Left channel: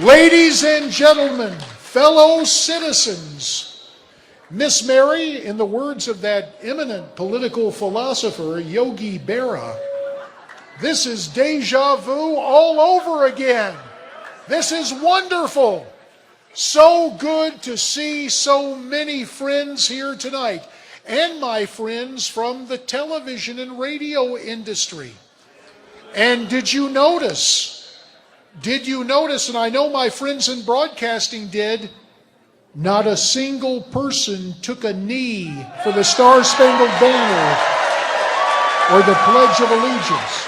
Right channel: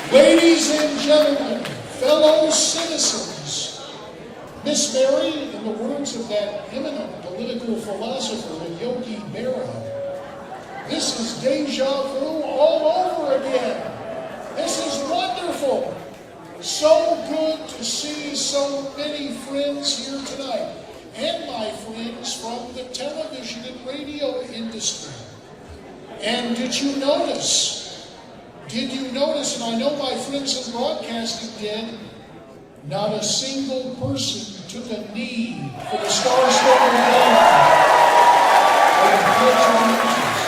Ladies and gentlemen, fellow citizens, Miss Mary, in the words of that eminent political philosopher, Yogi Berra, this is deja vu all over again. This is wonderful. So good to see so many friends here tonight, and my friends from the television and radio industry. And did you notice, and I know my friends in broadcasting did, not a single person took a knee for the Star-Spangled Banner or the Pledge of Allegiance.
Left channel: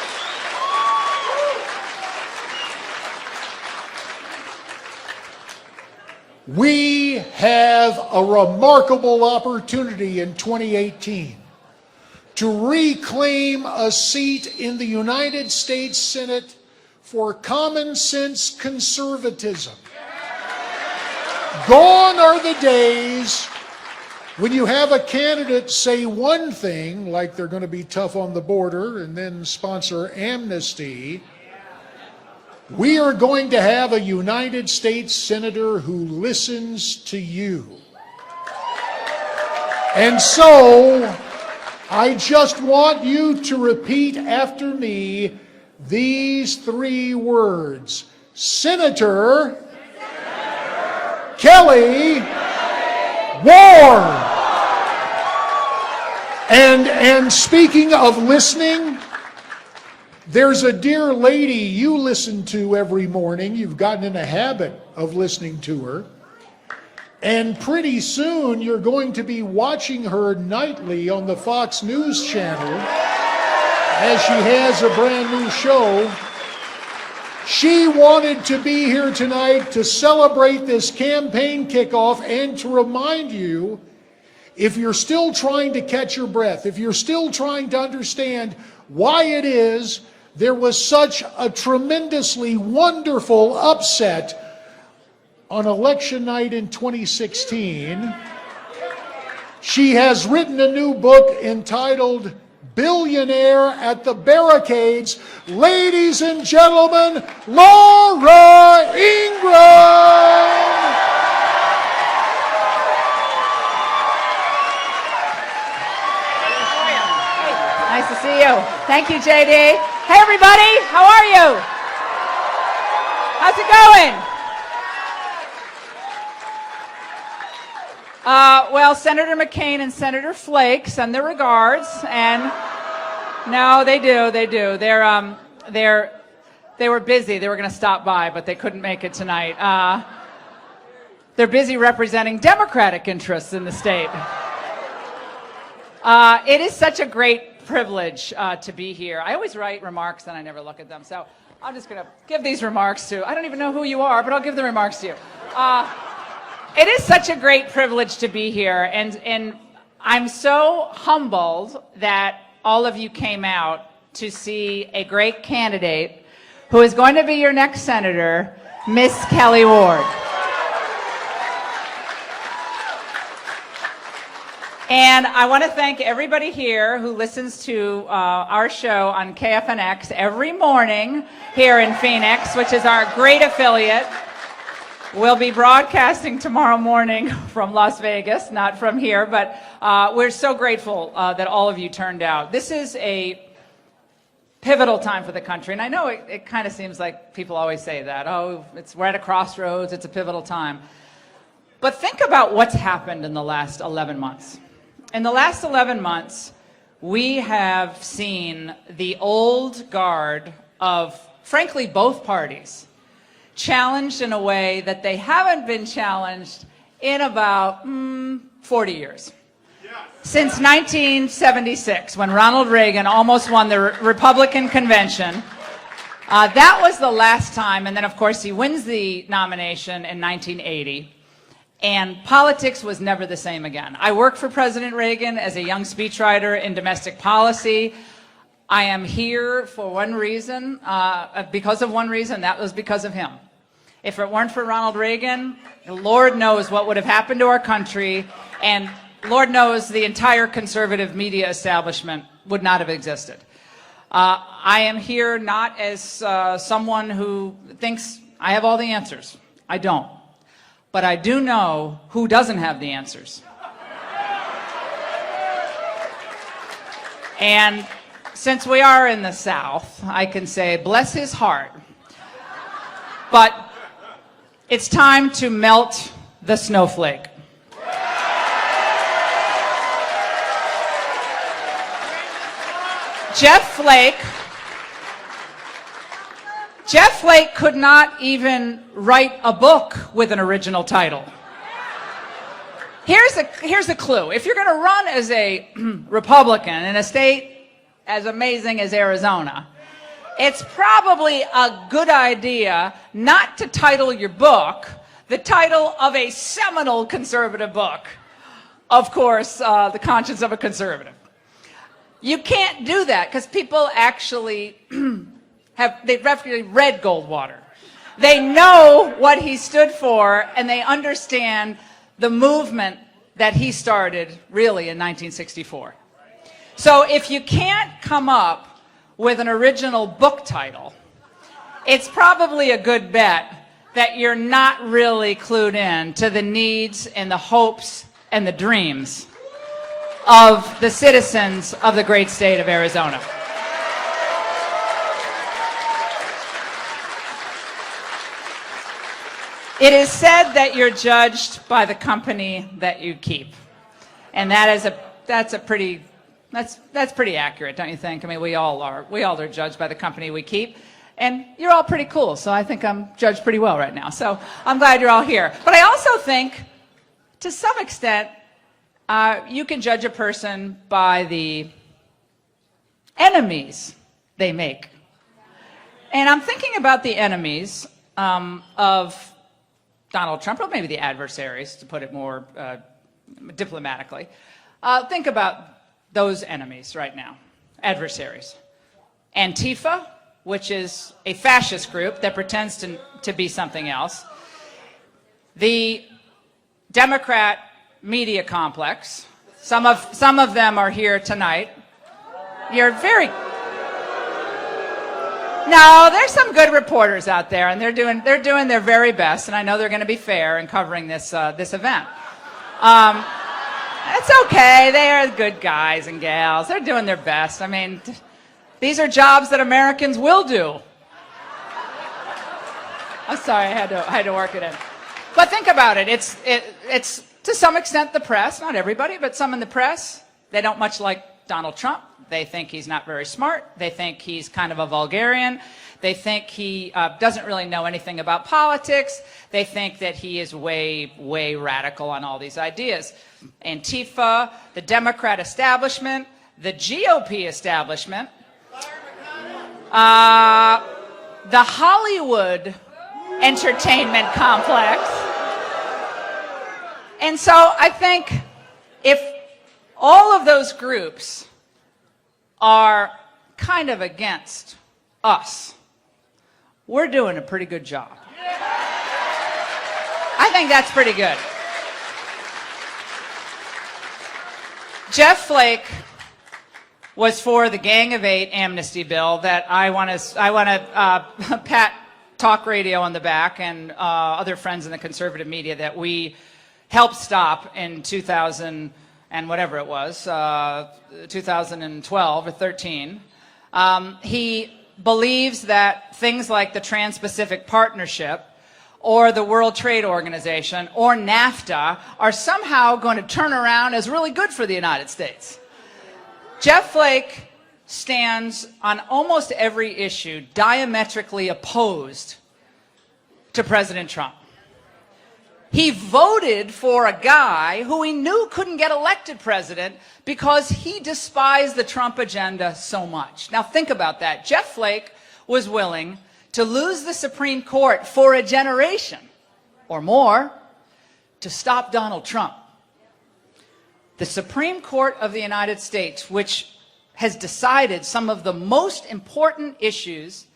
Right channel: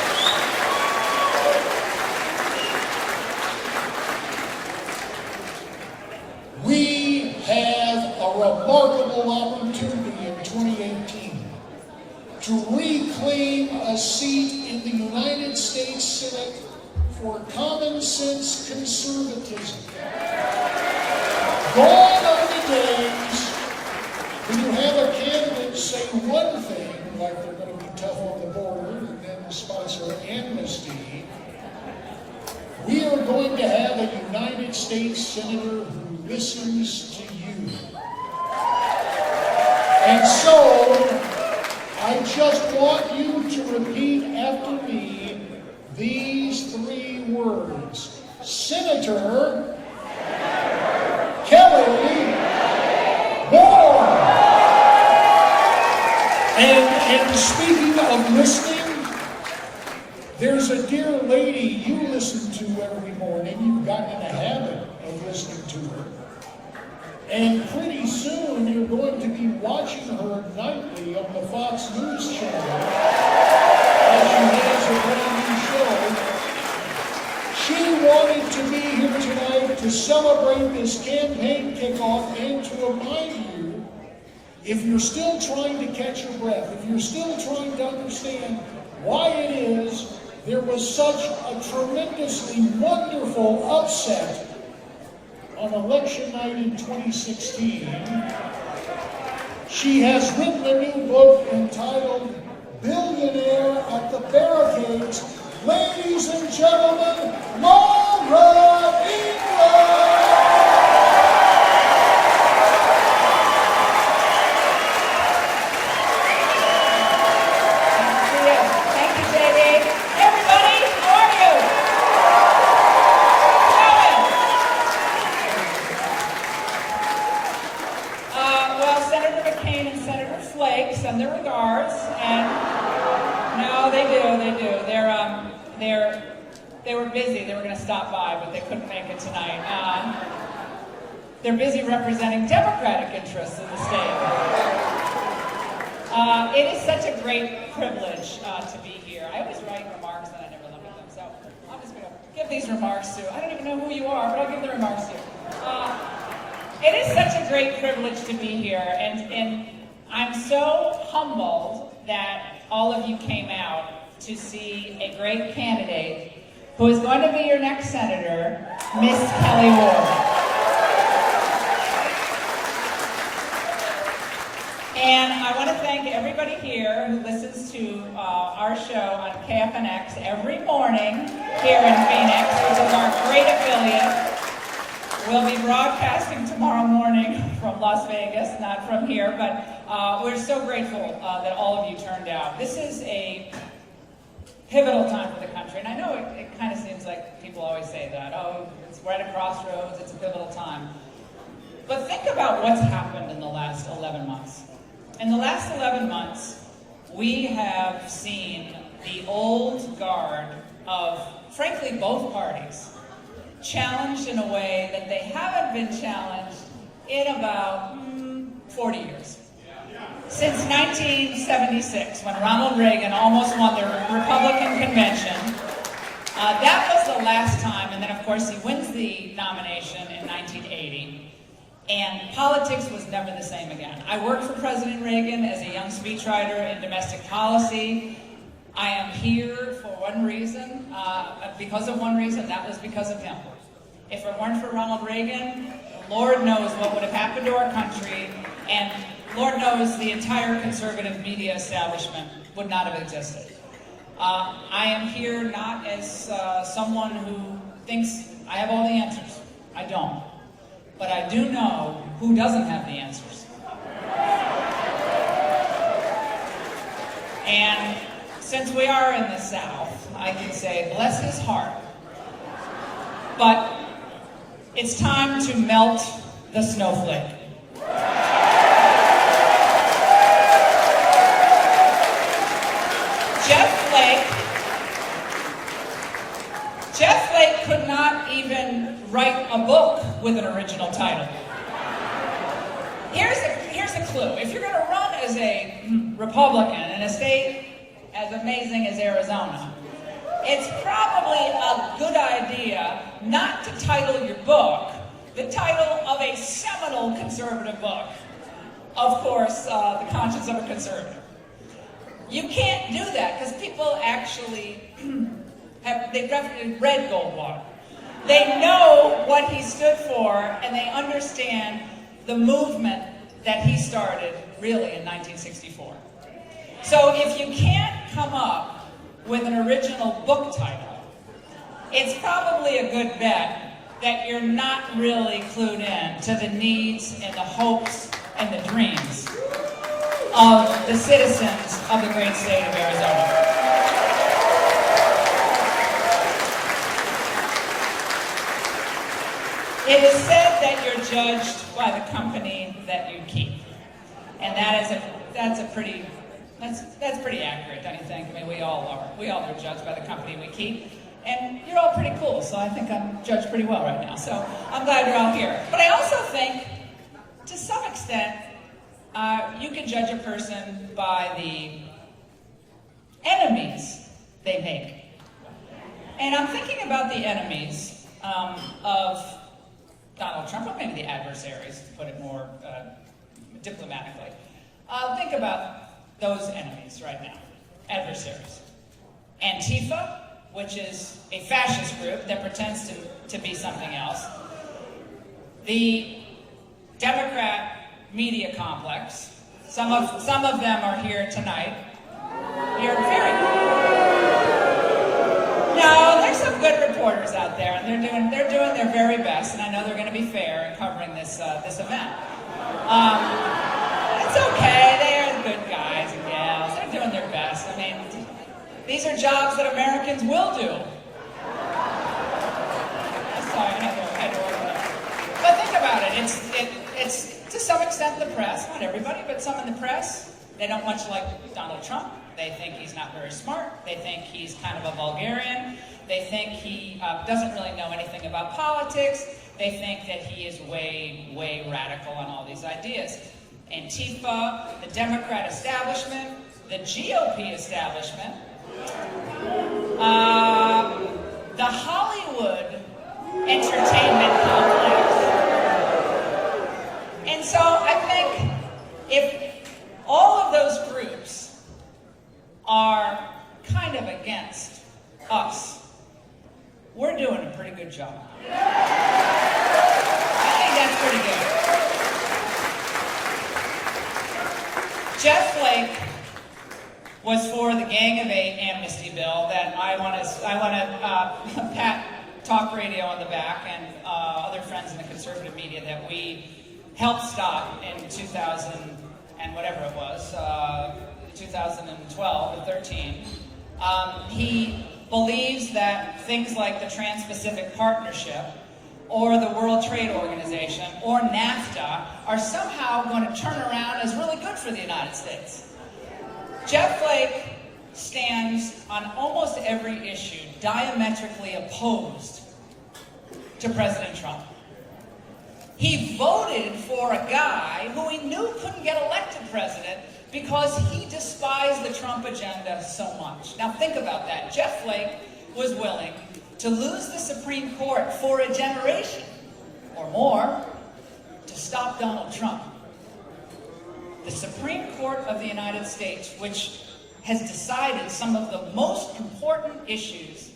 We have a remarkable opportunity in 2018 to reclaim a seat in the United States Senate for common sense conservatism. Gone are the days when you have a candidate say one thing, like they're going to be tough on the border and then sponsor amnesty. We are going to have a United States Senator who listens to you. And so, I just want you to repeat after me these three words. Senator Kelli Ward. And speaking of listening, there's a dear lady you listen to every morning. You've gotten in the habit of listening to her. And pretty soon you're going to be watching her nightly on the Fox News channel as she has a brand new show. She wanted to be here tonight to celebrate this campaign kickoff and to remind you, if you're still trying to catch your breath, if you're still trying to understand why it is there was such a tremendously wonderful upset on election night in 2016, she has written a new book entitled Billionaire at the Barricades. Ladies and gentlemen, Laura Ingraham! Nice to see you. Thank you, JD. Hey, everybody. How are you? How's it going? Well, Senator McCain and Senator Flake send their regards, and no, they do. They were busy. They were going to stop by, but they couldn't make it tonight. They're busy representing Democratic interests in the state. It is such a great privilege to be here. I always write remarks and I never look at them, so I'm just going to give these remarks to, I don't even know who you are, but I'll give the remarks to you. It is such a great privilege to be here, and I'm so humbled that all of you came out to see a great candidate who is going to be your next senator, Miss Kelli Ward. And I want to thank everybody here who listens to our show on KFNX every morning here in Phoenix, which is our great affiliate. We'll be broadcasting tomorrow morning from Las Vegas, not from here, but we're so grateful that all of you turned out. This is a pivotal time for the country, and I know it kind of seems like people always say that. Oh, we're at a crossroads, it's a pivotal time. But think about what's happened in the last 11 months. In the last 11 months, we have seen the old guard of, frankly, both parties challenged in a way that they haven't been challenged in about 40 years. Since 1976, when Ronald Reagan almost won the Republican convention, that was the last time, and then of course he wins the nomination in 1980. And politics was never the same again. I worked for President Reagan as a young speechwriter in domestic policy. I am here for one reason, because of one reason, that was because of him. If it weren't for Ronald Reagan, Lord knows what would have happened to our country, and Lord knows the entire conservative media establishment would not have existed. I am here not as someone who thinks I have all the answers. I don't. But I do know who doesn't have the answers. And since we are in the South, I can say, bless his heart. But it's time to melt the snowflake. Jeff Flake could not even write a book with an original title. Here's a clue. If you're going to run as a Republican in a state as amazing as Arizona, it's probably a good idea not to title your book the title of a seminal conservative book. Of course, The Conscience of a Conservative. You can't do that because people actually they've read Goldwater. They know what he stood for, and they understand the movement that he started really in 1964. So if you can't come up with an original book title, it's probably a good bet that you're not really clued in to the needs and the hopes and the dreams of the citizens of the great state of Arizona. It is said that you're judged by the company that you keep. And that's pretty accurate, don't you think? I mean, we all are judged by the company we keep. And you're all pretty cool, so I think I'm judged pretty well right now. So I'm glad you're all here. But I also think, to some extent, you can judge a person by the enemies they make. And I'm thinking about the enemies of Donald Trump, or maybe the adversaries, to put it more diplomatically. Think about those enemies right now, adversaries. Antifa, which is a fascist group that pretends to be something else. The Democrat media complex. Some of them are here tonight. No, there's some good reporters out there, and they're doing their very best, and I know they're going to be fair in covering this event. It's okay. They're good guys and gals. They're doing their best. I mean, these are jobs that Americans will do. I'm sorry, I had to work it in. But think about it. It's to some extent the press, not everybody, but some in the press. They don't much like Donald Trump. They think he's not very smart. They think he's kind of a vulgarian. They think he doesn't really know anything about politics. They think that he is way, way radical on all these ideas. Antifa, the Democrat establishment, the GOP establishment, the Hollywood entertainment complex. And so I think if all of those groups are kind of against us, we're doing a pretty good job. I think that's pretty good. Jeff Flake was for the Gang of Eight amnesty bill that I want to pat talk radio on the back and other friends in the conservative media that we helped stop in 2000 and whatever it was, 2012 or 13. He believes that things like the Trans-Pacific Partnership or the World Trade Organization or NAFTA are somehow going to turn around as really good for the United States. Jeff Flake stands on almost every issue diametrically opposed to President Trump. He voted for a guy who he knew couldn't get elected president because he despised the Trump agenda so much. Now think about that. Jeff Flake was willing to lose the Supreme Court for a generation or more to stop Donald Trump. The Supreme Court of the United States, which has decided some of the most important issues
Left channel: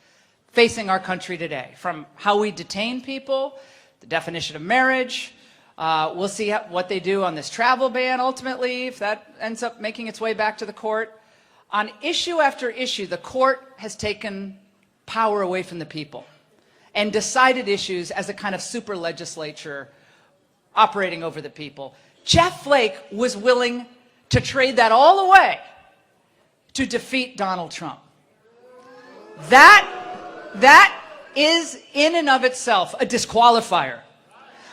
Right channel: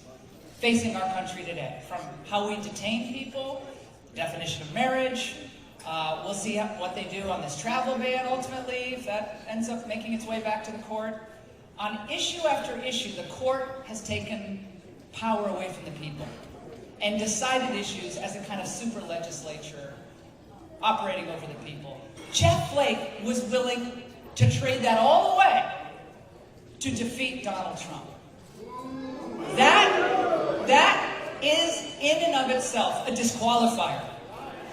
facing our country today, from how we detain people, the definition of marriage. We'll see what they do on this travel ban ultimately, if that ends up making its way back to the court. On issue after issue, the court has taken power away from the people and decided issues as a kind of super legislature operating over the people. Jeff Flake was willing to trade that all away to defeat Donald Trump. That is in and of itself a disqualifier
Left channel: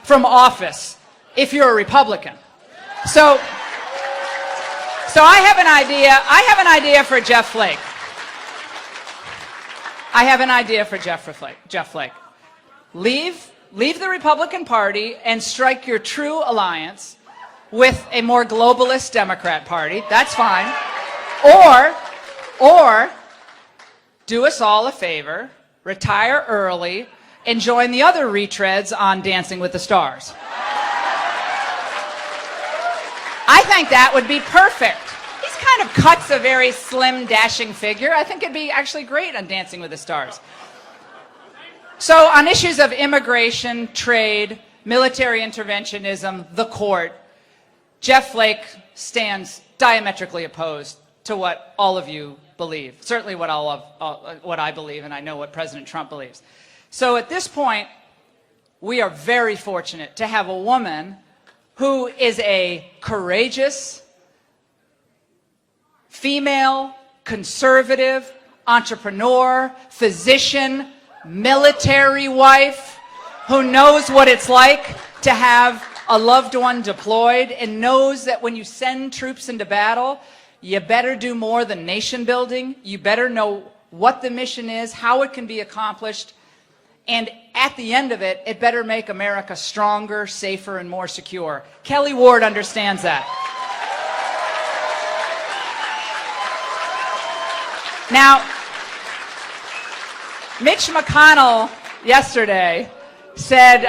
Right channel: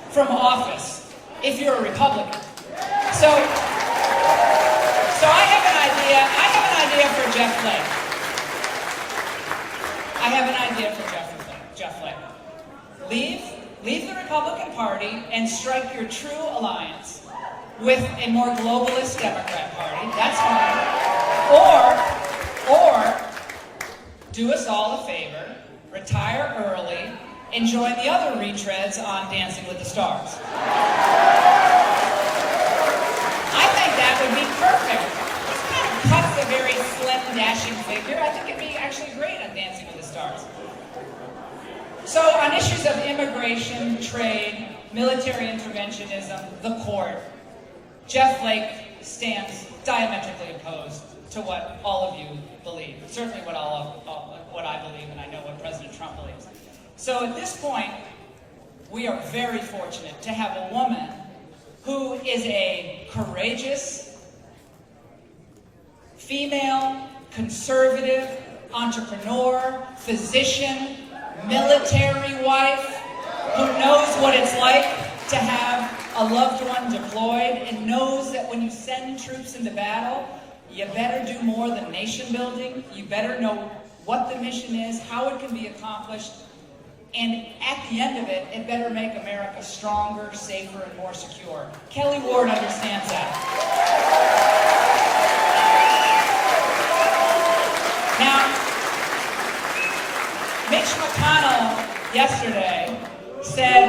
from office if you're a Republican. So I have an idea. I have an idea for Jeff Flake. I have an idea for Jeff Flake. Leave the Republican Party and strike your true alliance with a more globalist Democrat Party. That's fine. Or do us all a favor, retire early, and join the other retreads on Dancing with the Stars. I think that would be perfect. He's kind of cuts a very slim, dashing figure. I think it'd be actually great on Dancing with the Stars. So on issues of immigration, trade, military interventionism, the court, Jeff Flake stands diametrically opposed to what all of you believe. Certainly what I believe, and I know what President Trump believes. So at this point, we are very fortunate to have a woman who is a courageous, female, conservative, entrepreneur, physician, military wife, who knows what it's like to have a loved one deployed and knows that when you send troops into battle, you better do more than nation building. You better know what the mission is, how it can be accomplished, and at the end of it, it better make America stronger, safer, and more secure. Kelli Ward understands that. Now, Mitch McConnell yesterday said,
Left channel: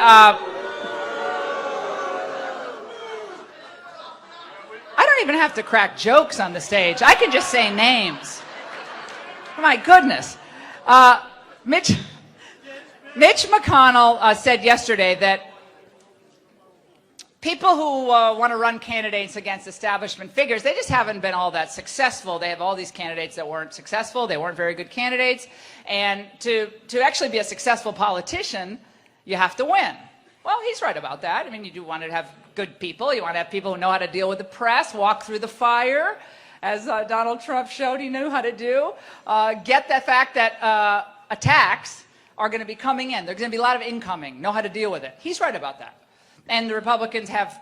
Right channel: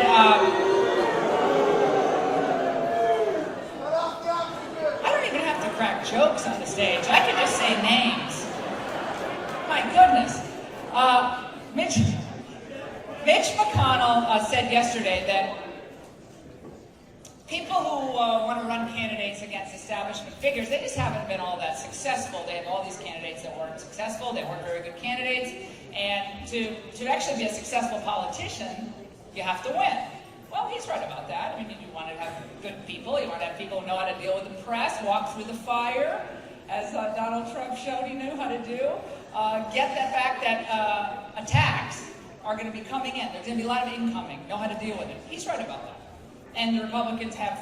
I don't even have to crack jokes on the stage. I can just say names. My goodness. Mitch McConnell said yesterday that people who want to run candidates against establishment figures, they just haven't been all that successful. They have all these candidates that weren't successful. They weren't very good candidates. And to actually be a successful politician, you have to win. Well, he's right about that. I mean, you do want to have good people. You want to have people who know how to deal with the press, walk through the fire, as Donald Trump showed he knew how to do. Get the fact that attacks are going to be coming in. There's going to be a lot of incoming. Know how to deal with it. He's right about that. And the Republicans have,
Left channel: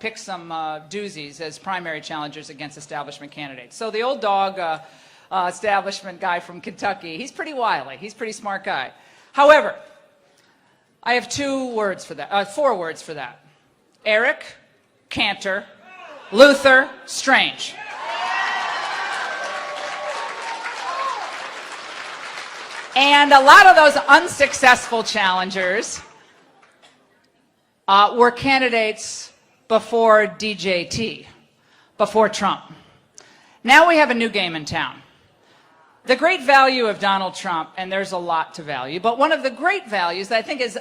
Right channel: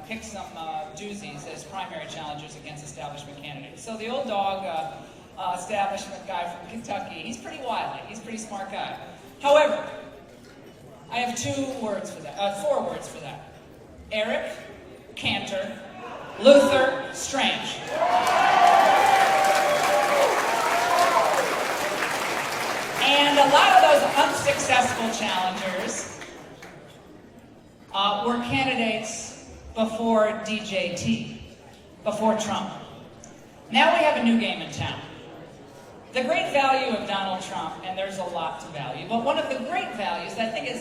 picked some doozies as primary challengers against establishment candidates. So the old dog establishment guy from Kentucky, he's pretty wily. He's a pretty smart guy. However, I have 4 words for that. Eric, Cantor, Luther, Strange. And a lot of those unsuccessful challengers were candidates before DJT, before Trump. Now we have a new game in town. The great value of Donald Trump, and there's a lot to value, but one of the great values that I think is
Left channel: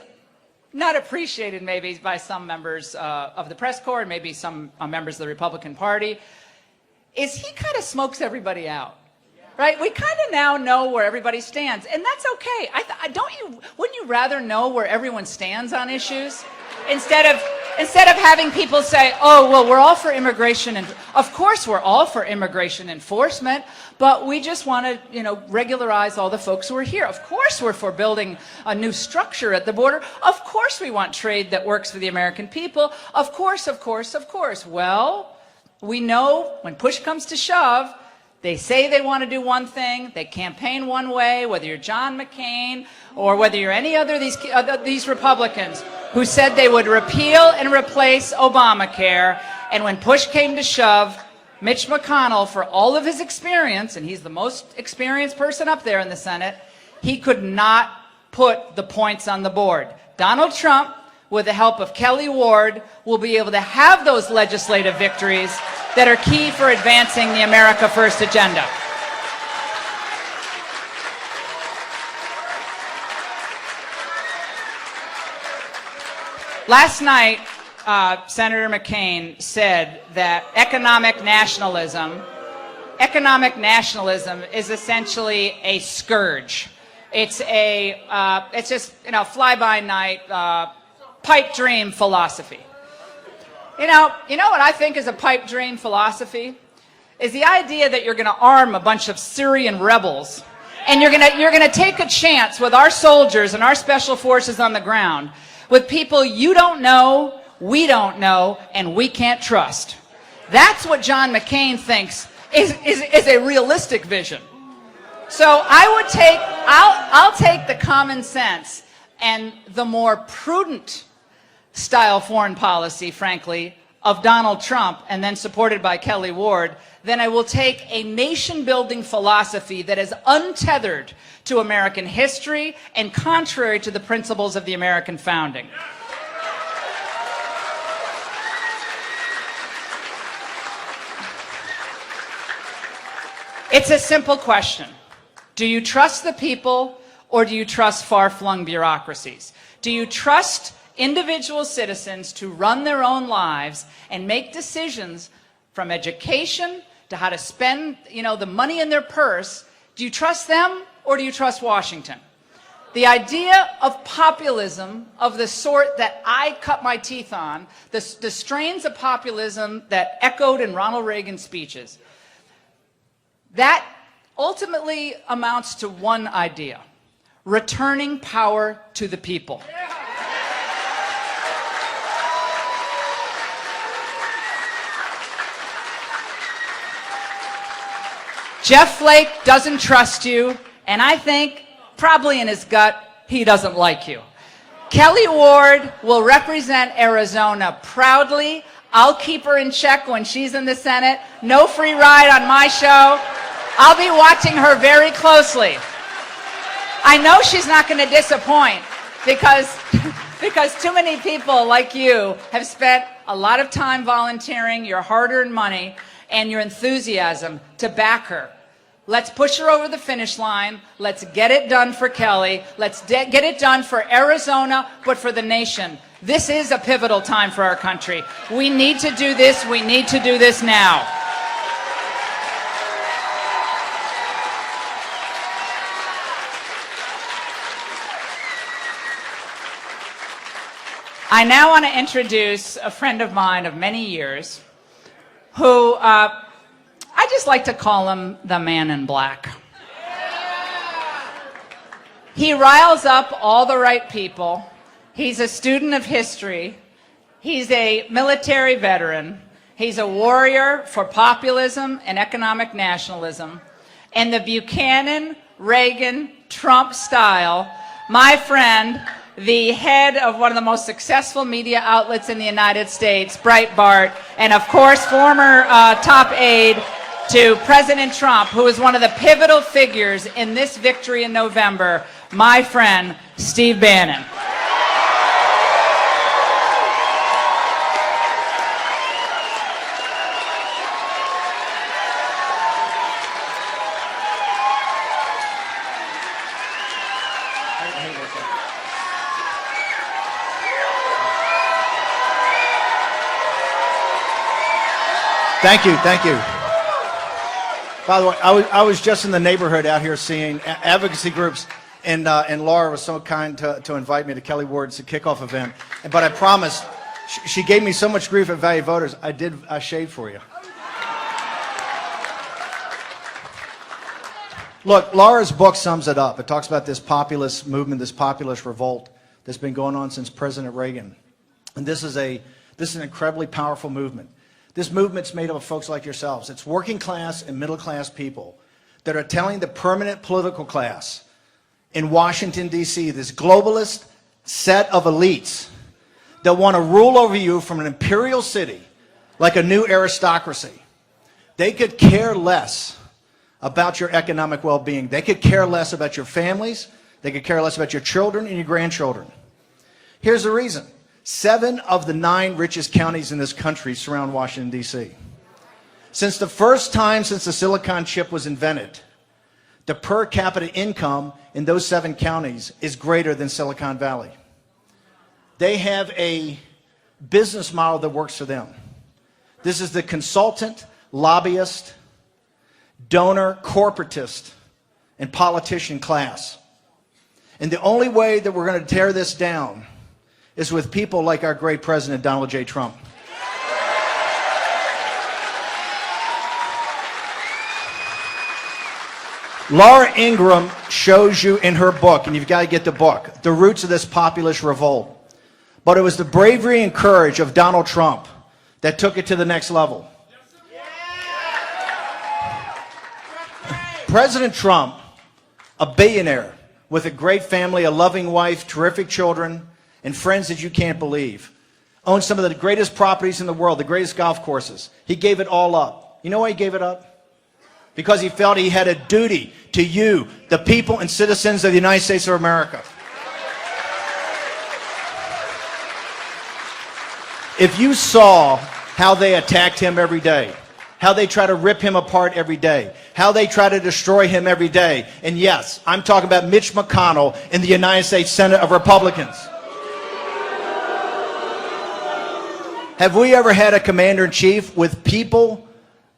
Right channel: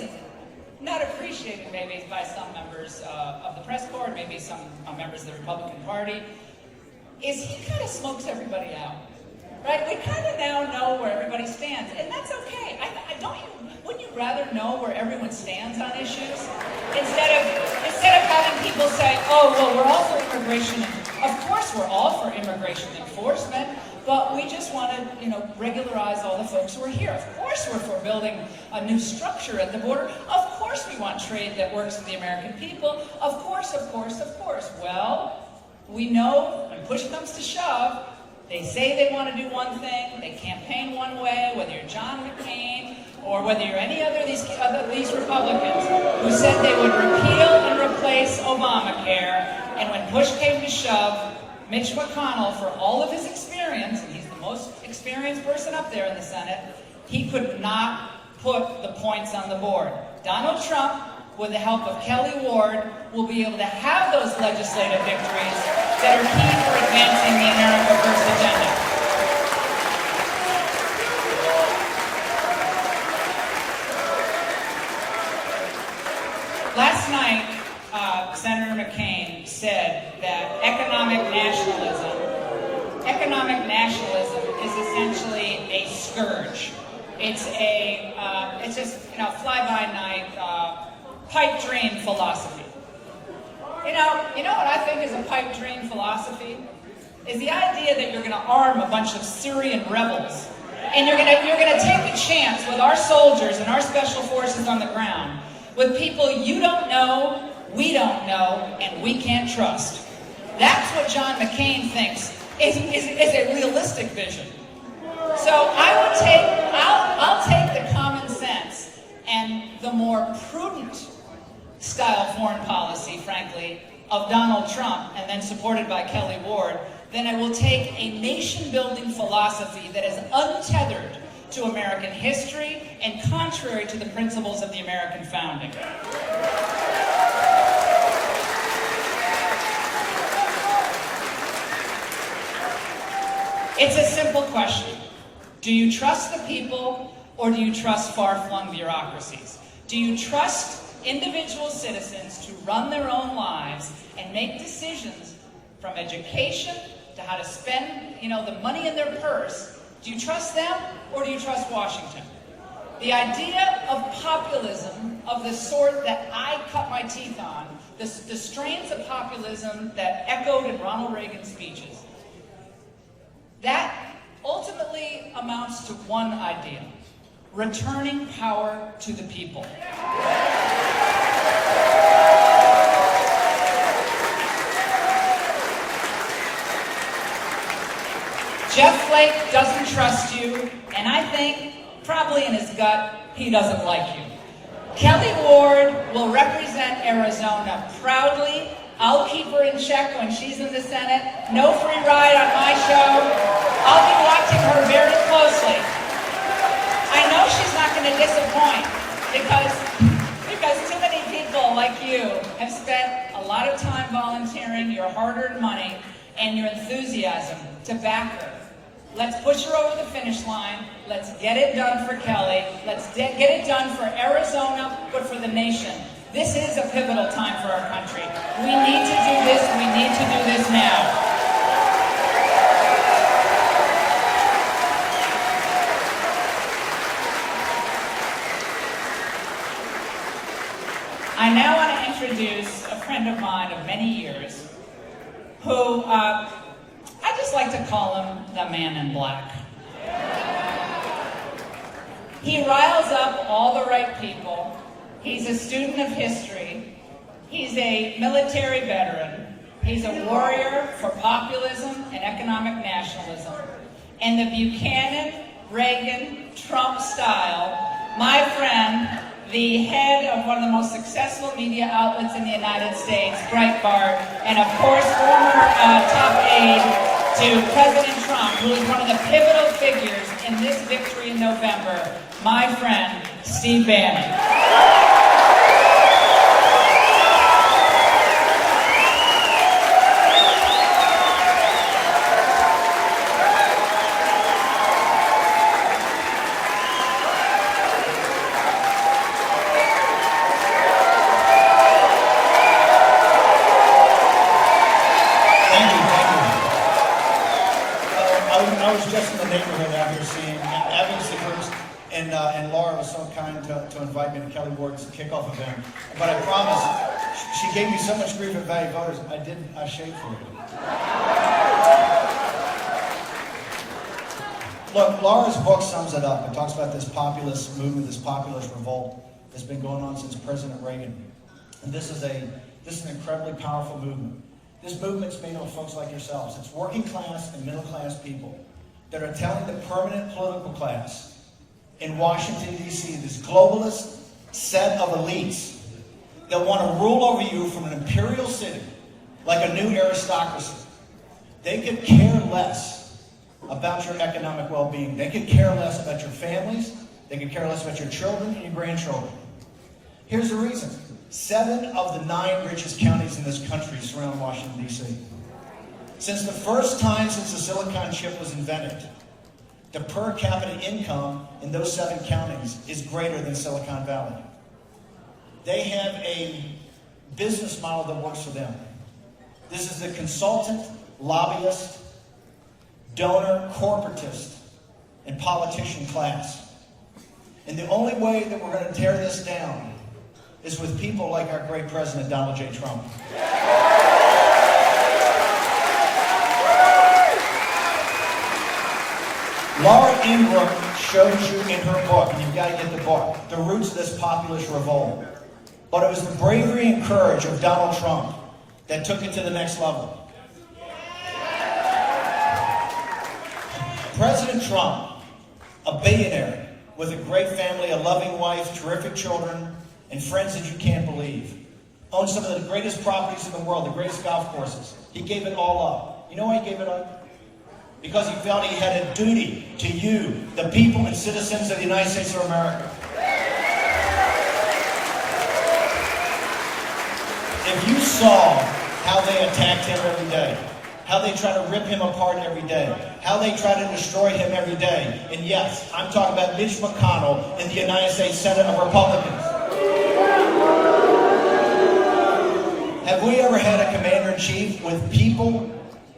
not appreciated maybe by some members of the press corps, and maybe some members of the Republican Party, is he kind of smokes everybody out. Right? We kind of now know where everybody stands, and that's okay. Wouldn't you rather know where everyone stands on issues? Instead of having people say, oh, well, we're all for immigration, and of course we're all for immigration enforcement, but we just want to, regularize all the folks who are here. Of course we're for building a new structure at the border. Of course we want trade that works for the American people. Of course, of course, of course. Well, we know when push comes to shove, they say they want to do one thing, they campaign one way, whether you're John McCain or whether you're any other of these Republicans who said they would repeal and replace Obamacare, and when push came to shove, Mitch McConnell, for all of his experience, and he's the most experienced person up there in the Senate, he could not put the points on the board. Donald Trump, with the help of Kelli Ward, will be able to have those legislative victories that are key for advancing the America First agenda. Last night, Senator McCain said that economic nationalism economic nationalism is essentially a scourge. It's just, fly-by-night, pipe dream philosophy. You know what I think is a pipe dream philosophy? Is the idea that you're going to arm a bunch of Syrian rebels, and you're going to take a chance with our soldiers and our special forces on the ground with people you don't know, we don't know, and we can't trust. That's what John McCain thinks is a realistic vision. So I'll take the common sense and the more prudent style foreign policy, frankly, of Donald Trump, and then supported by Kelli Ward, then I will take a nation-building philosophy that is untethered to American history and contrary to the principles of the American founding. It's a simple question. Do you trust the people, or do you trust far-flung bureaucracies? Do you trust individual citizens to run their own lives and make decisions from education to how to spend, the money in their purse? Do you trust them, or do you trust Washington? The idea of populism of the sort that I cut my teeth on, the strains of populism that echoed in Ronald Reagan's speeches, that ultimately amounts to one idea: returning power to the people. Jeff Flake doesn't trust you, and I think, probably in his gut, he doesn't like you. Kelli Ward will represent Arizona proudly. I'll keep her in check when she's in the Senate. No free ride on my show. I'll be watching her very closely. I know she's not going to disappoint because too many people like you have spent a lot of time volunteering your hard-earned money and your enthusiasm to back her. Let's push her over the finish line. Let's get it done for Kelli. Let's get it done for Arizona, but for the nation. This is a pivotal time for our country. We need to do this. We need to do this now. I now want to introduce a friend of mine of many years who I just like to call him the man in black. He riles up all the right people. He's a student of history. He's a military veteran. He's a warrior for populism and economic nationalism. And the Buchanan, Reagan, Trump style, my friend, the head of one of the most successful media outlets in the United States, Breitbart, and of course former top aide to President Trump, who is one of the pivotal figures in this victory in November, my friend, Steve Bannon. Thank you. By the way, I was just in the neighborhood out here seeing advocacy groups, and Laura was so kind to invite me to Kelli Ward's kickoff event. But I promised, she gave me so much grief at Value Voters, I shaved for you. Look, Laura's book sums it up. It talks about this populist movement, this populist revolt that's been going on since President Reagan. And this is an incredibly powerful movement. This movement's made up of folks like yourselves. It's working class and middle class people that are telling the permanent political class in Washington, D.C., this globalist set of elites that want to rule over you from an imperial city like a new aristocracy. They could care less about your economic well-being. They could care less about your families. They could care less about your children and your grandchildren. Here's the reason. 7 of the 9 richest counties in this country surround Washington, D.C. Since the first time since the silicon chip was invented, the per capita income in those 7 counties is greater than Silicon Valley. They have a business model that works for them. This is the consultant, lobbyist, donor, corporatist, and politician class. And the only way that we're going to tear this down is with people like our great president, Donald J. Trump. Laura Ingraham shows you in her book, and you've got to get the book, the roots of this populist revolt. But it was the bravery and courage of Donald Trump that took it to the next level. President Trump, a billionaire with a great family, a loving wife, terrific children, and friends that you can't believe, owns some of the greatest properties in the world, the greatest golf courses. He gave it all up. You know why he gave it up? Because he felt he had a duty to you, the people and citizens of the United States of America. If you saw how they attacked him every day, how they try to rip him apart every day, how they try to destroy him every day, and yes, I'm talking about Mitch McConnell in the United States Senate of Republicans. Have we ever had a commander-in-chief with people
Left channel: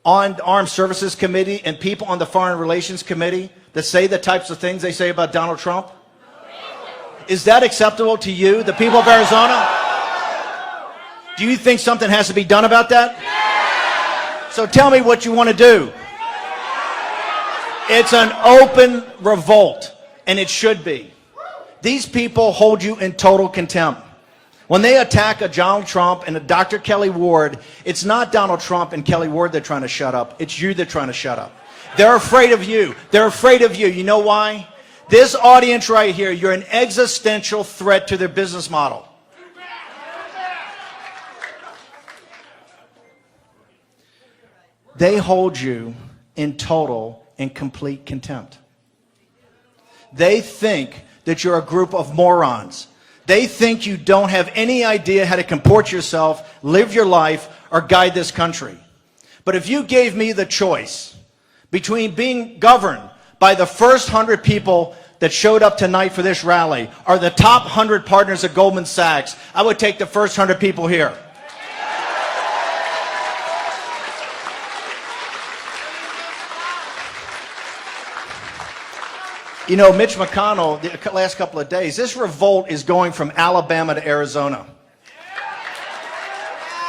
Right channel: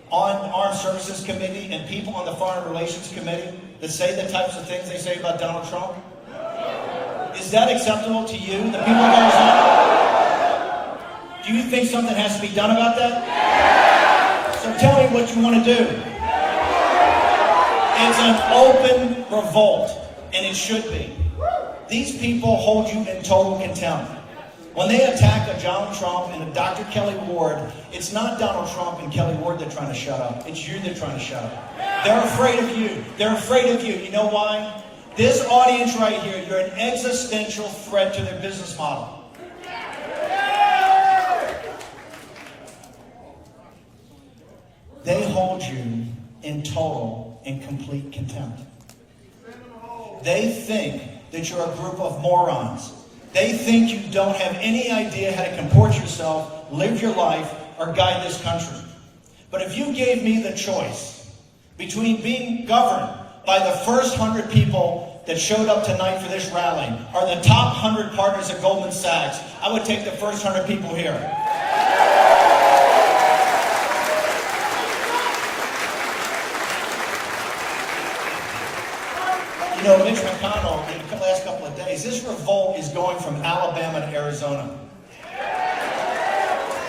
on the Armed Services Committee and people on the Foreign Relations Committee that say the types of things they say about Donald Trump? Is that acceptable to you, the people of Arizona? Do you think something has to be done about that? So tell me what you want to do. It's an open revolt, and it should be. These people hold you in total contempt. When they attack a Donald Trump and a Dr. Kelli Ward, it's not Donald Trump and Kelli Ward they're trying to shut up. It's you they're trying to shut up. They're afraid of you. They're afraid of you. You know why? This audience right here, you're an existential threat to their business model. They hold you in total and complete contempt. They think that you're a group of morons. They think you don't have any idea how to comport yourself, live your life, or guide this country. But if you gave me the choice between being governed by the first 100 people that showed up tonight for this rally or the top 100 partners at Goldman Sachs, I would take the first 100 people here. You know, Mitch McConnell, the last couple of days, this revolt is going from Alabama to Arizona.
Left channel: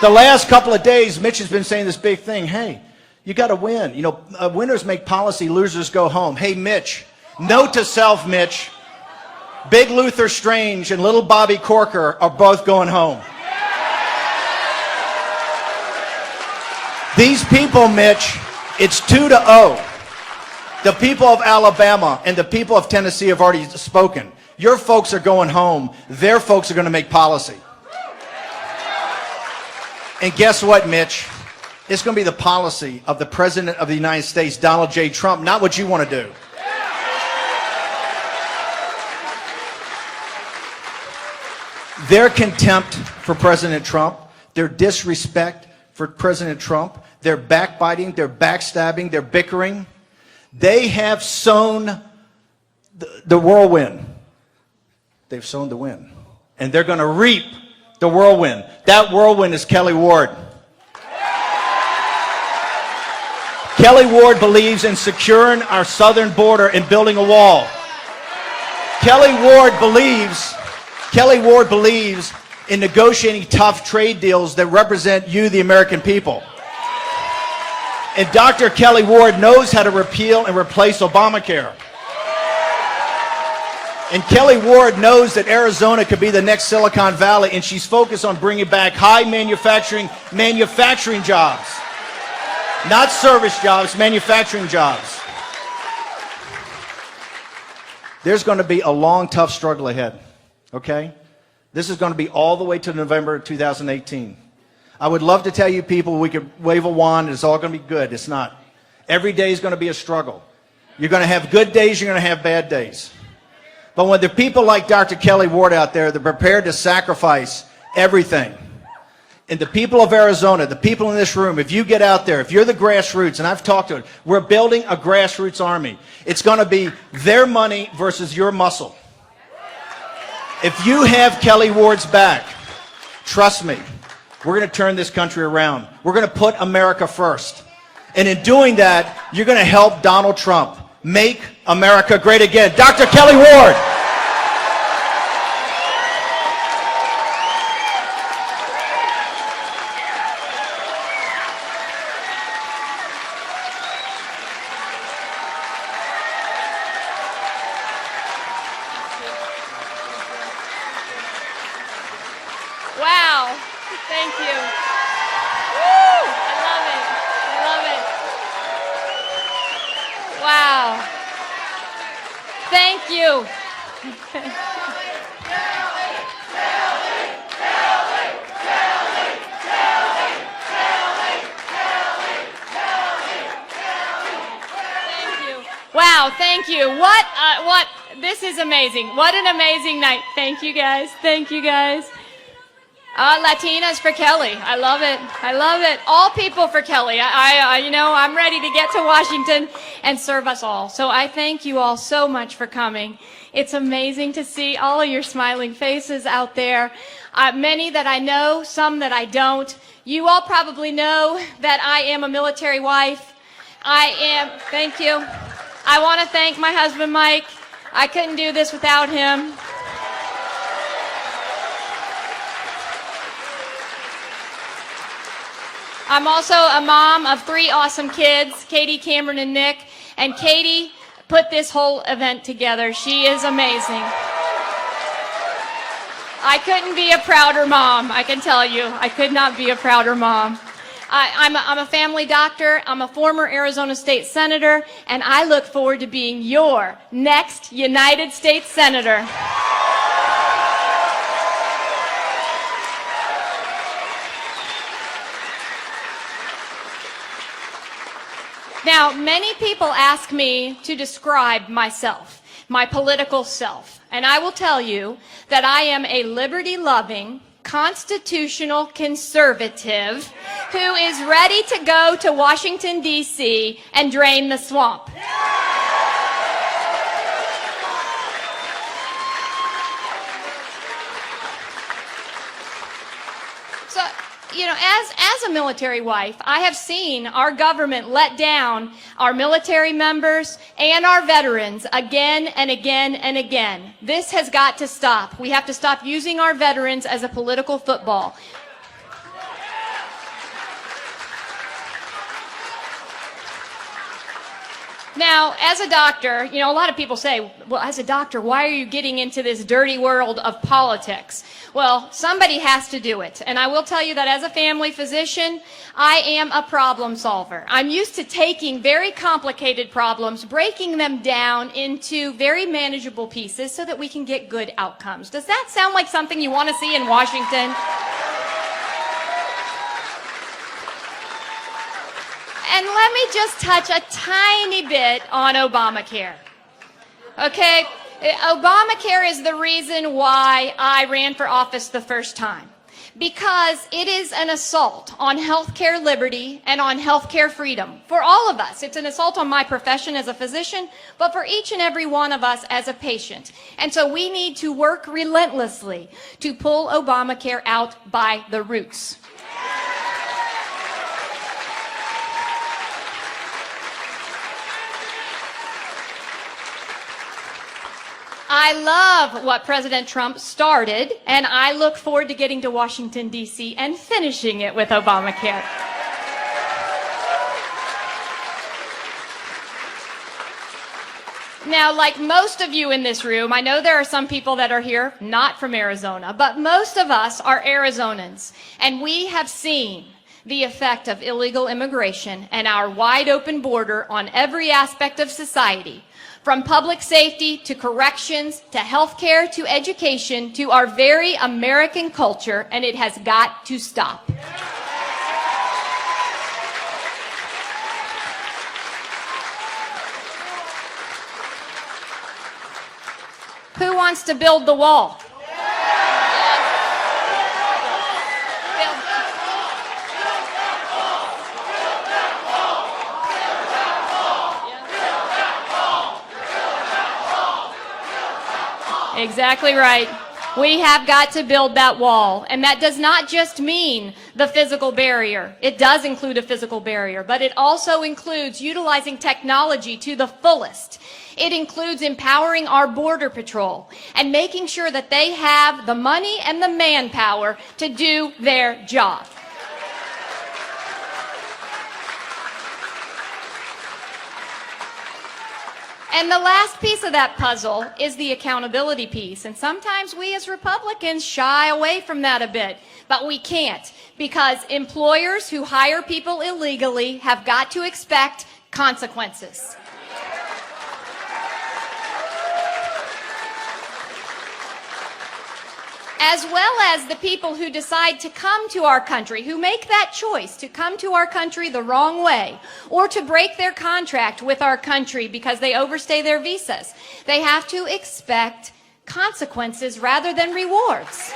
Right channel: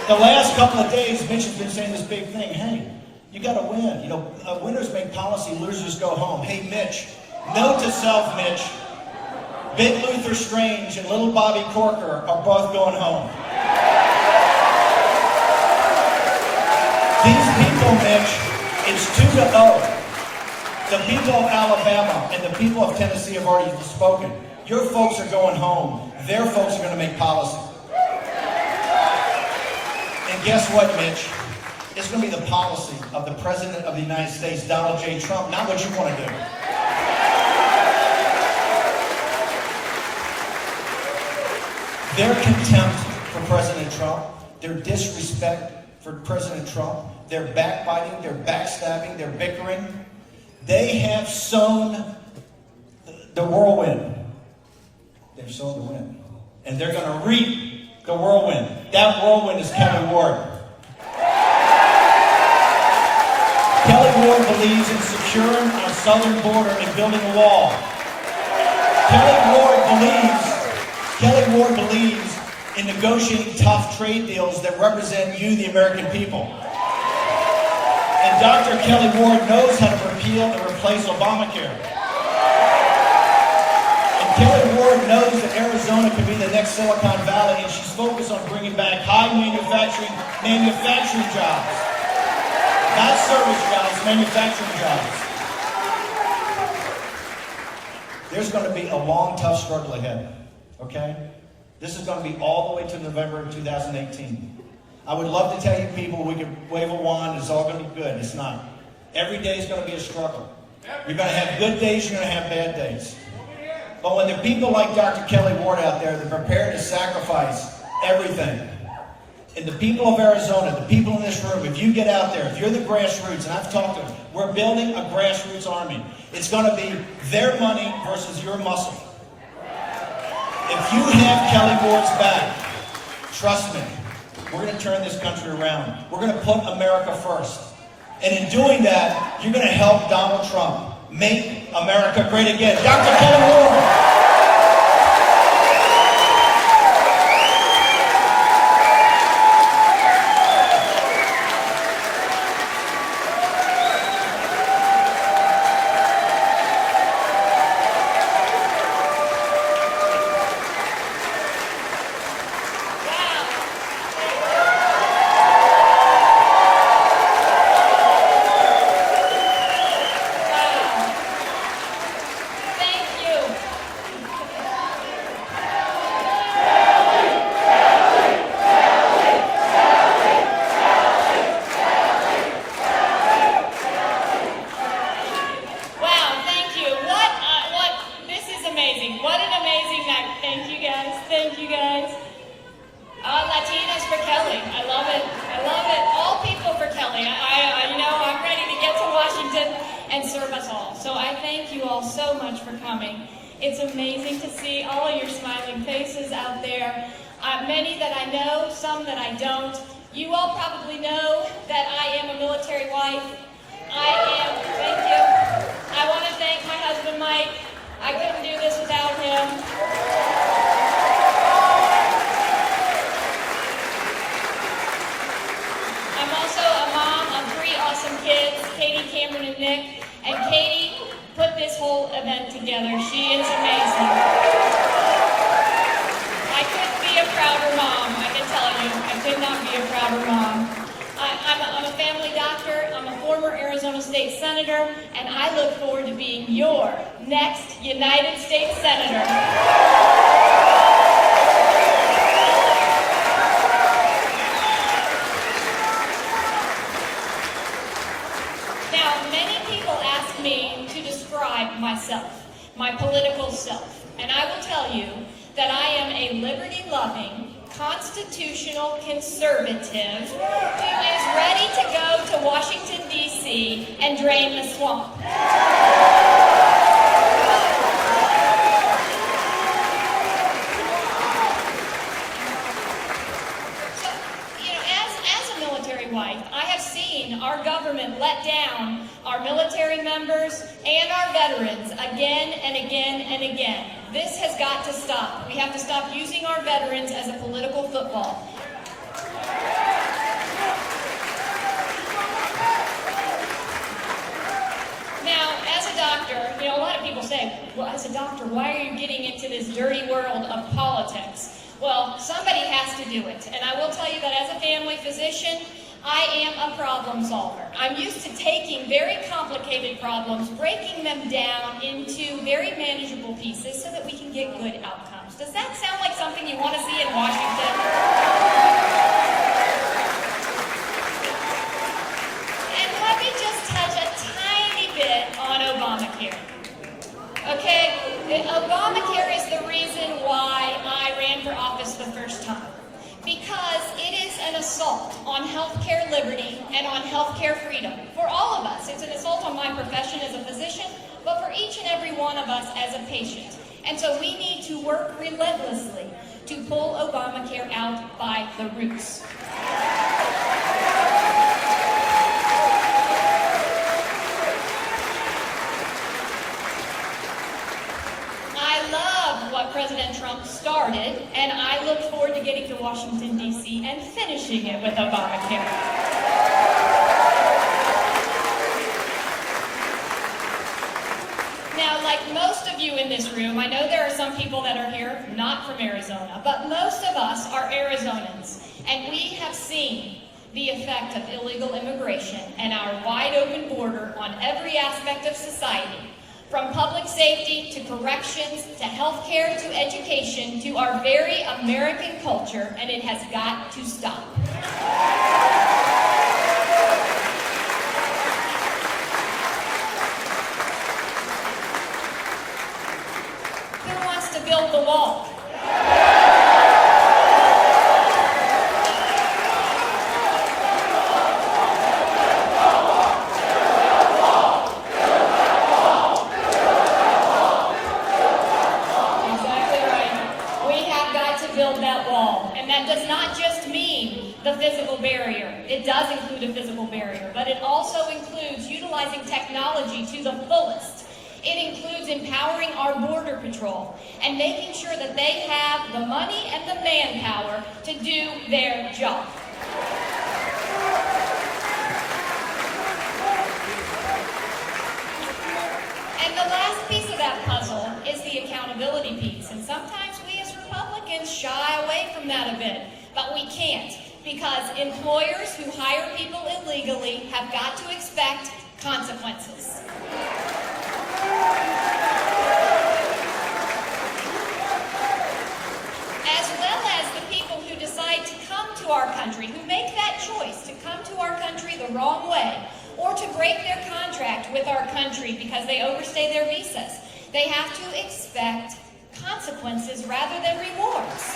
The last couple of days, Mitch has been saying this big thing. Hey, you got to win. You know, winners make policy, losers go home. Hey, Mitch, note to self, Mitch, Big Luther Strange and little Bobby Corker are both going home. These people, Mitch, it's 2-0. The people of Alabama and the people of Tennessee have already spoken. Your folks are going home. Their folks are going to make policy. And guess what, Mitch? It's going to be the policy of the President of the United States, Donald J. Trump, not what you want to do. Their contempt for President Trump, their disrespect for President Trump, their backbiting, their backstabbing, their bickering, they have sown the whirlwind. They've sown the wind. And they're going to reap the whirlwind. That whirlwind is Kelli Ward. Kelli Ward believes in securing our southern border and building a wall. Kelli Ward believes in negotiating tough trade deals that represent you, the American people. And Dr. Kelli Ward knows how to repeal and replace Obamacare. And Kelli Ward knows that Arizona could be the next Silicon Valley, and she's focused on bringing back high manufacturing jobs. Not service jobs, manufacturing jobs. There's going to be a long, tough struggle ahead, okay? This is going to be all the way to November of 2018. I would love to tell you people we could wave a wand and it's all going to be good. It's not. Every day is going to be a struggle. You're going to have good days, you're going to have bad days. But when there are people like Dr. Kelli Ward out there that are prepared to sacrifice everything, and the people of Arizona, the people in this room, if you get out there, if you're the grassroots, and I've talked to it, we're building a grassroots army. It's going to be their money versus your muscle. If you have Kelli Ward's back, trust me, we're going to turn this country around. We're going to put America first. And in doing that, you're going to help Donald Trump make America great again. Dr. Kelli Ward. Wow. Thank you. Wow. Thank you. Wow, thank you. This is amazing. What an amazing night. Thank you guys. Thank you guys. Latinas for Kelli. I love it. I love it. All people for Kelli. I'm ready to get to Washington and serve us all. So I thank you all so much for coming. It's amazing to see all of your smiling faces out there. Many that I know, some that I don't. You all probably know that I am a military wife. Thank you. I want to thank my husband, Mike. I couldn't do this without him. I'm also a mom of 3 awesome kids, Katie, Cameron, and Nick. And Katie put this whole event together. She is amazing. I couldn't be a prouder mom, I can tell you. I could not be a prouder mom. I'm a family doctor, I'm a former Arizona State Senator, and I look forward to being your next United States Senator. Now, many people ask me to describe myself, my political self, and I will tell you that I am a liberty-loving, constitutional conservative who is ready to go to Washington, D.C. and drain the swamp. So, as a military wife, I have seen our government let down our military members and our veterans again and again and again. This has got to stop. We have to stop using our veterans as a political football. Now, as a doctor, a lot of people say, well, as a doctor, why are you getting into this dirty world of politics? Well, somebody has to do it. And I will tell you that as a family physician, I am a problem solver. I'm used to taking very complicated problems, breaking them down into very manageable pieces so that we can get good outcomes. Does that sound like something you want to see in Washington? And let me just touch a tiny bit on Obamacare. Okay? Obamacare is the reason why I ran for office the first time. Because it is an assault on healthcare liberty and on healthcare freedom. For all of us, it's an assault on my profession as a physician, but for each and every one of us as a patient. And so we need to work relentlessly to pull Obamacare out by the roots. I love what President Trump started, and I look forward to getting to Washington, D.C. and finishing it with Obamacare. Now, like most of you in this room, I know there are some people that are here not from Arizona, but most of us are Arizonans, and we have seen the effect of illegal immigration and our wide open border on every aspect of society. From public safety to corrections to healthcare to education to our very American culture, and it has got to stop. Who wants to build the wall? Exactly right. We have got to build that wall. And that does not just mean the physical barrier. It does include a physical barrier, but it also includes utilizing technology to the fullest. It includes empowering our Border Patrol and making sure that they have the money and the manpower to do their job. And the last piece of that puzzle is the accountability piece. And sometimes we as Republicans shy away from that a bit, but we can't, because employers who hire people illegally have got to expect consequences. As well as the people who decide to come to our country, who make that choice to come to our country the wrong way, or to break their contract with our country because they overstay their visas. They have to expect consequences rather than rewards.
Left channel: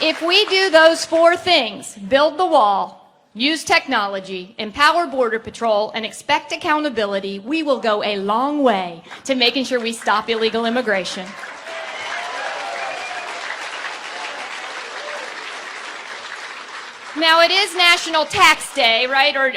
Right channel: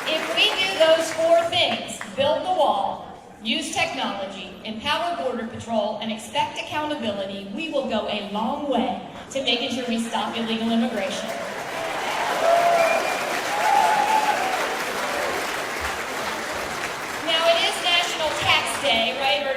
If we do those four things, build the wall, use technology, empower Border Patrol, and expect accountability, we will go a long way to making sure we stop illegal immigration. Now, it is National Tax Day, right? Or,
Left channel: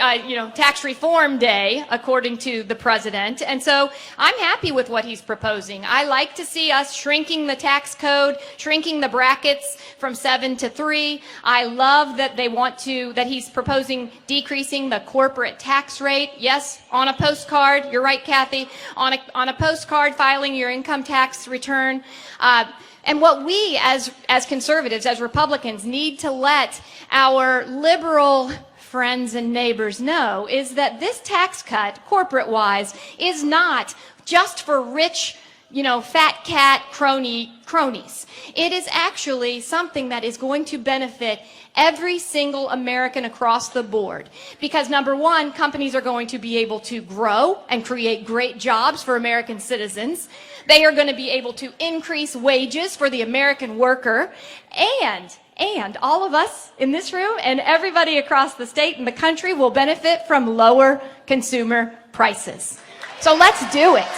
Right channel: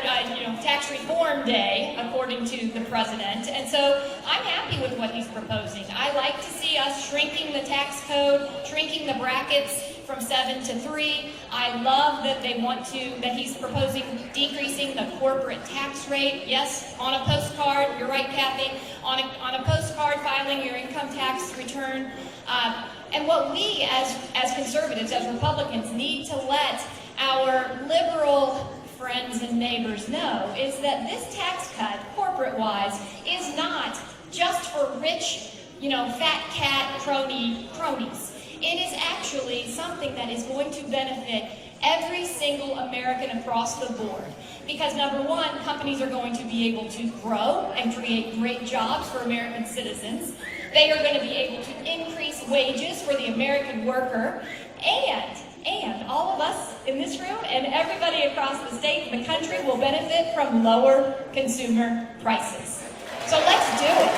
Tax Reform Day, according to the president. And so I'm happy with what he's proposing. I like to see us shrinking the tax code, shrinking the brackets from 7 to 3. I love that that he's proposing decreasing the corporate tax rate. Yes, on a postcard, you're right, Kathy, on a postcard filing your income tax return. And what we as conservatives, as Republicans, need to let our liberal friends and neighbors know is that this tax cut, corporate-wise, is not just for rich, fat cat cronies. It is actually something that is going to benefit every single American across the board. Because number one, companies are going to be able to grow and create great jobs for American citizens. They are going to be able to increase wages for the American worker, and all of us in this room and everybody across the state and the country will benefit from lower consumer prices. So let's do it.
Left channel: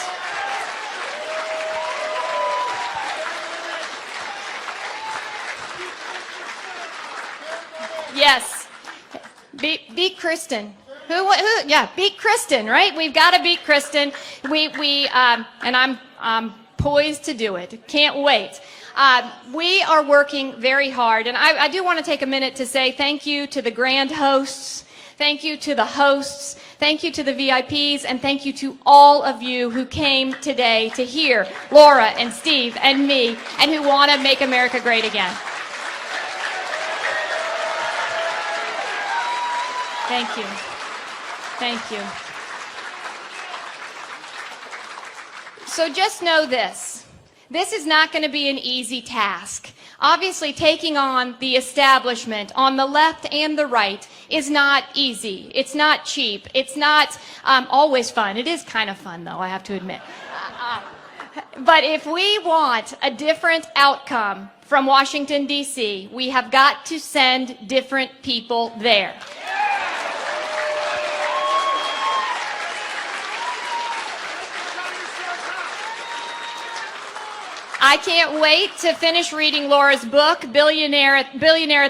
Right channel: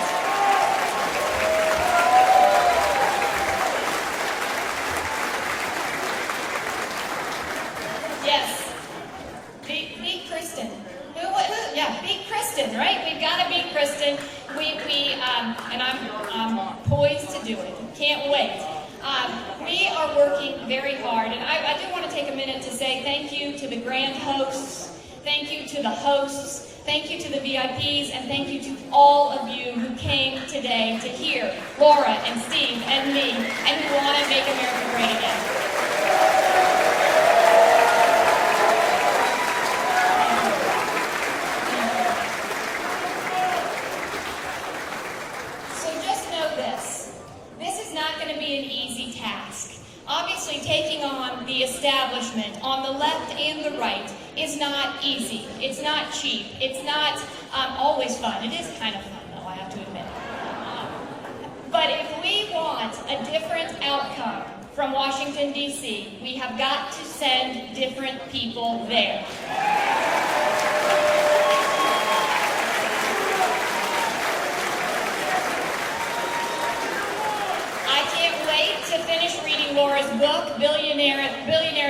Yes. Beat Kristen. Yeah, beat Kristen, right? We've got to beat Kristen. And I'm poised to do it. Can't wait. We are working very hard, and I do want to take a minute to say thank you to the grand hosts, thank you to the hosts, thank you to the VIPs, and thank you to all of you who came today to hear Laura and Steve and me, and who want to make America great again. Thank you. Thank you. So just know this. This is not going to be an easy task. Obviously, taking on the establishment on the left and the right is not easy. It's not cheap. It's not always fun. It is kind of fun, though, I have to admit. But if we want a different outcome from Washington, D.C., we have got to send different people there. I can't wait to finish reading Laura's book, Billionaire at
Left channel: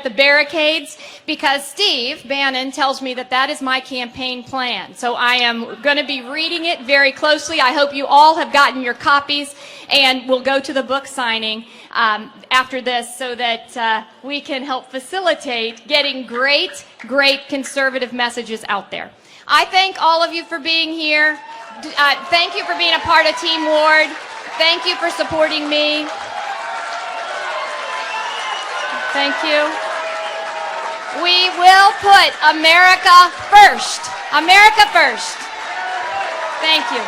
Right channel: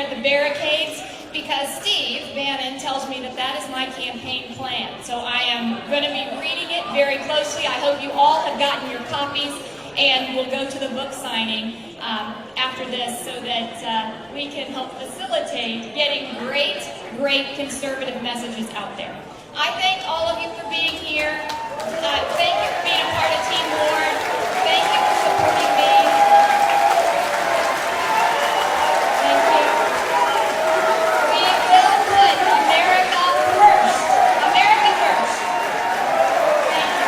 the Barricades, because Steve Bannon tells me that is my campaign plan. So I am going to be reading it very closely. I hope you all have gotten your copies, and we'll go to the book signing after this so that we can help facilitate getting great conservative messages out there. I thank all of you for being here. Thank you for being a part of Team Ward. Thank you for supporting me. Thank you. We will put America first. America first. Thank you.